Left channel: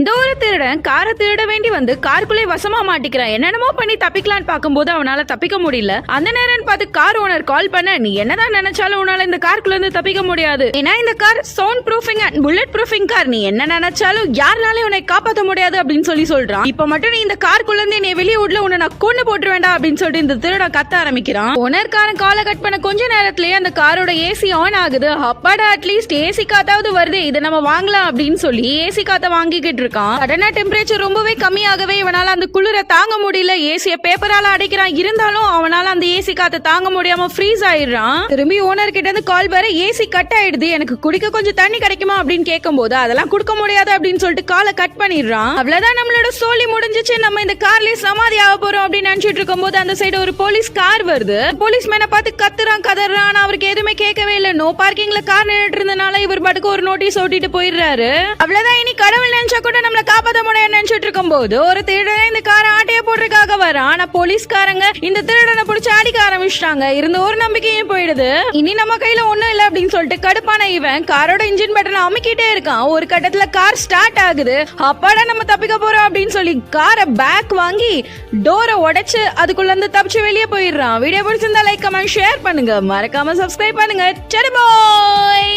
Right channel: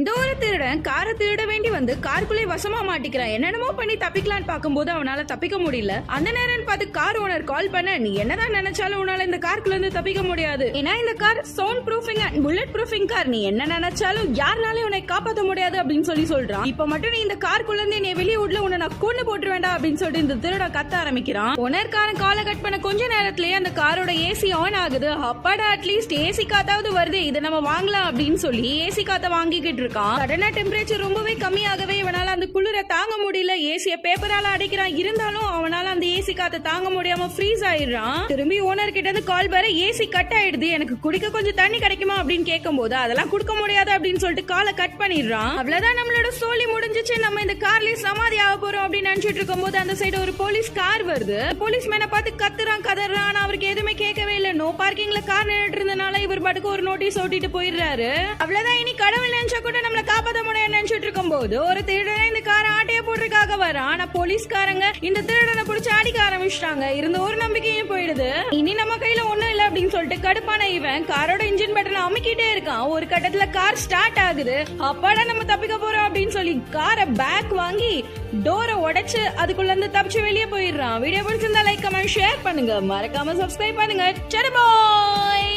இந்த ஒரு திருடன் காரை திருட வேண்டி வந்து காருக்குள்ளே வசமா மாட்டிக்கிறான். என்னென்னமோ பண்ணி தப்பிக்கலான்னு பார்க்கும்போது அவனால தப்பிக்க முடியல. அந்த நேரம் பார்த்து கார் ஓனர் கால் பண்ண, நீ என்னதான் நினைச்சாலும் உன்னால இந்த காருக்குள்ள இருந்து தப்பிக்க முடியாது. ஏன்னா இந்த car sound proofing and bullet proofing car. நீ என்ன நினைச்சாலும் யாருனாலே உன்னை காப்பாற்ற முடியாது அப்படின்னு சொல்றான். இப்ப மட்டும் நீ இந்த காருக்குள்ள இருந்து என்னை வெளியே விடல, உன்னை நான் கொண்டு போட்டு வேண்டாம் அப்படின்னு சொல்லிட்டு இந்த திருடன் கத்த ஆரம்பிக்கிறான். ஓனர்காரன் காலை கட் பண்ண கொஞ்ச நேரத்திலேயே அந்த காரோட ஏசி ஆன் ஆகுது. அப்பாடா, அட்லீஸ்ட் ஏசி காத்தாவது வருது, இதை நம்ம வாங்கலாம் அப்படின்னு சொல்லி ஏசி காத்த வாங்கிக்கிட்டு இருக்கான். சடனா டெம்பரேச்சர் ரொம்பவே கம்மியாகவே இவனால அந்த குளிர தாங்க முடியல. ஏசிய பேப்பரால அடைக்கிறான். இருந்தாலும் அவனால அந்த ஏசி காத்த தாங்க முடியாம ஃப்ரீஸ் ஆயிடுறான். திரும்பி ஓனர் கிட்ட இருந்து கால் வர, ஏசி கட் ஆயிடுது, எனக்கு குடிக்க கொஞ்சம் தண்ணி கிடைக்குமா அப்படின்னு கேட்கும் போது அதெல்லாம் கொடுக்க முடியாது அப்படின்னு சொல்லிட்டு காலை கட் பண்ணிடுறான். அவ்வளவுதான், நம்மளோட சோலி முடிஞ்சிச்சு, நம்ம இந்த கார்லயே சமாதி ஆக போறோம் அப்படின்னு நினைச்சிட்டு இருக்கும் போது அந்த சைடு ஒரு போலீஸ் கார் வருது. போலீஸ் மேனை பார்த்து கத்துறான், கதறான். ஆனா அவருக்கு எதுவுமே கேட்கவே இல்லை. நோ பார்க்கிங்ல கார் நின்றுட்டு இருந்தனால இவர் பாட்டுக்கு ஒரு நோட்டீஸ் ஓட்டிட்டு போயிடுறாரு. அவ்வளவுதான், இனி கடவுள் நினைச்சா கூட நம்மள காப்பாற்ற முடியும் நினைச்சிட்டு இருக்கும் போது ஒரு திருடனை இந்த காரை ஆட்டைய போடுறதுக்காக வரான். ஆனா போலீஸ்காரங்க இந்த திருடனை பிடிச்சி அடிக்க ஆரம்பிச்சிட்டாங்க. இருந்த ஒரு நம்பிக்கையும் போயிடுது. இனி நம்ம கையில ஒண்ணும் இல்ல அப்படின்னு சொல்லிட்டு கடுப்பான இவன் காரோட இன்ஜின் பட்டனை அமுக்கிட்டே இருக்கான். ஒரு கட்டத்துல கார் ஸ்டார்ட் ஆகுது. அப்பாடா, நம்ம தப்பிக்க போறோம் அப்படின்னு சொல்லி காரை பேக் வாங்கி டோரை உடைச்சு அதுக்குள்ள இருந்து தப்பிச்சு வெளியே போயிடுறான். வீடியோ பிடிச்சிருந்தா லைக், கமெண்ட், ஷேர் பண்ணுங்க. மறக்காம சப்ஸ்கிரைப் பண்ணுங்க. சரி பாய்.